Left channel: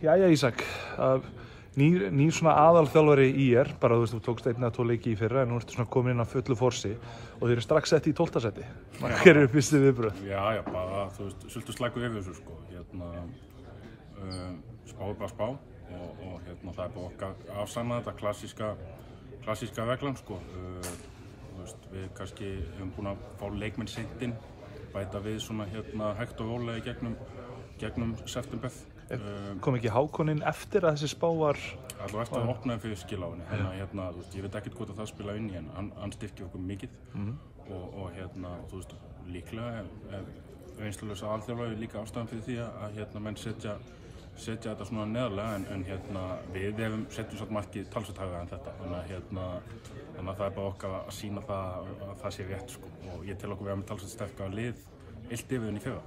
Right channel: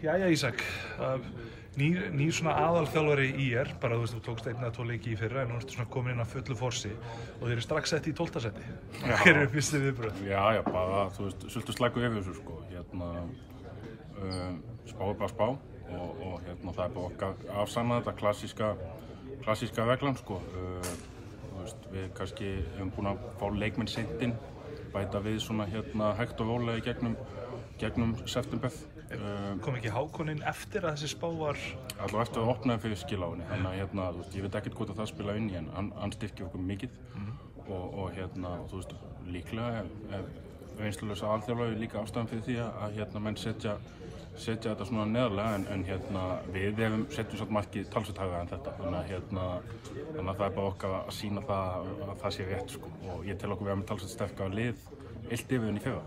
Jæja Ísak, nýr svona aðalþjálfari ÍR, bara þú tókst 1 eða 2 leiki í fyrra en nú ertu svona komin inn á fullu forsi og þeir eru strax sett í 12. sæti. Hver eru fyrstu viðbrögð? Já, bara, þú veist, svolítið slæku yfir þessu, sko. Spá er bara spá og það er bara okkar afsanna þetta klassíska reglan, sko. Þú veist, við kannski hefum búin að fá leikmenn seint inn, bæta við svona hægt og rólega gegnum september. Kom ekki Hákoninn eftir að þessi spá var? Alltaf eftir að opnaði fyrir skiláinni, þannig að þú veist, ég veit ekkert hvort að það spila inn í en hann styrkir okkur mikið og þú veist, líklega reynslulausa alþjálfari líka ástæðan fyrir því að menn setja þetta svona neðarlega en við setjum svolítið markið talsvert hærra en þetta þannig að það er bara okkar að sýna það að það sé rétt, sko, og ég tel okkur vera með talsvert sterkara lið illt yfir enn í fyrra.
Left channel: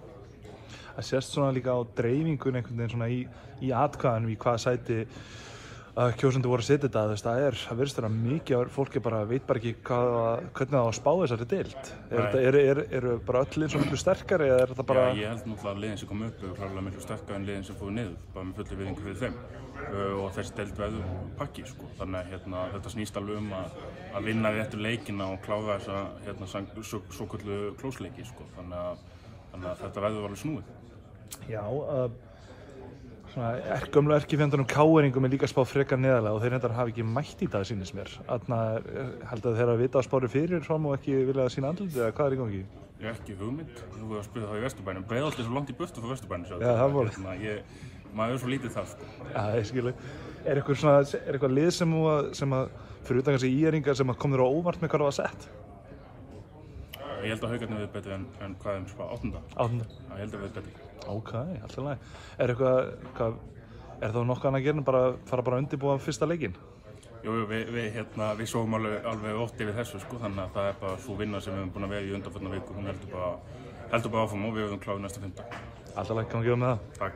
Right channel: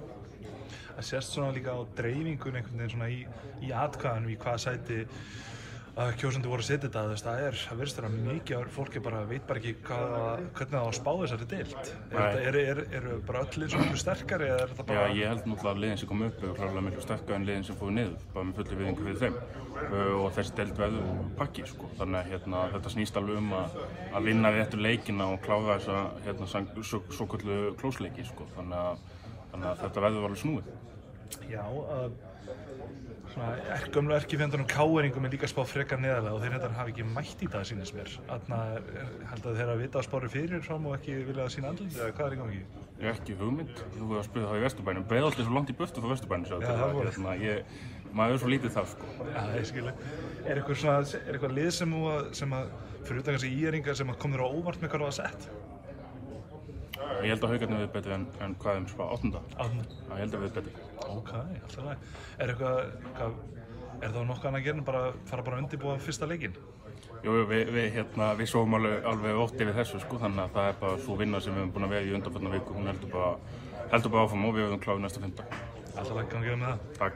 Það sést svona líka á dreifingun einhvern veginn svona í atkvæðanum í hvaða sæti kjósendur voru að setja þetta. Það virðist vera mikið að fólki veit bara ekki hvernig það á að spá þessari deild. Eru bara öll lið svona miklu sterkari eða er þetta bara? Já, ég held náttúrulega að liðin sem kom upp eru klárlega miklu sterkari en liðin sem fóru niður, bara með fullu virðingu fyrir þeim og þessi deild verður pakki, sko. Þannig að þetta snýst alveg að vinna réttu leikina og klára þessa svokölluðu klósleiki, sko. Þannig að þetta verður alveg snúið. Já, gömlu erkifjendunum Káeringum er líka spáð frekar neðarlega og þeir reyndar hafa ekki mætt í það, sýnist mér. Held að þeir hafa vitað að spáru fyrir fram og ekki vilja að sína andlitið, eða hvað er í gangi? Ég er ekki hugmynd. Þú voru að spila það í Vesturbænum. Breiðholt er svo langt í burtu frá Vesturbænum. Já, það voru. Maður er svo lítið þar, sko. Já, ég skilja. Er eitthvað lið sem fyrir utan kannski ÍR-ingar sem kom þér á óvart með hvað það var sett? Ég held að Haukarnir við betri en hvað þeim spá 8. Ég held að við betri. Ok, alltaf leið. Er það nokkuð annað að gera en fara að undirbúa fyrsta leikinn? Jú, við sofum alveg ótt yfir þessu, sko, þannig að það er bara svo vinna sem við höfum búin að vera í undanfarna viku, hún heldur bara áfram og við höfum klárað næsta 5. Alltaf leið, kann að gefa með það. Takk.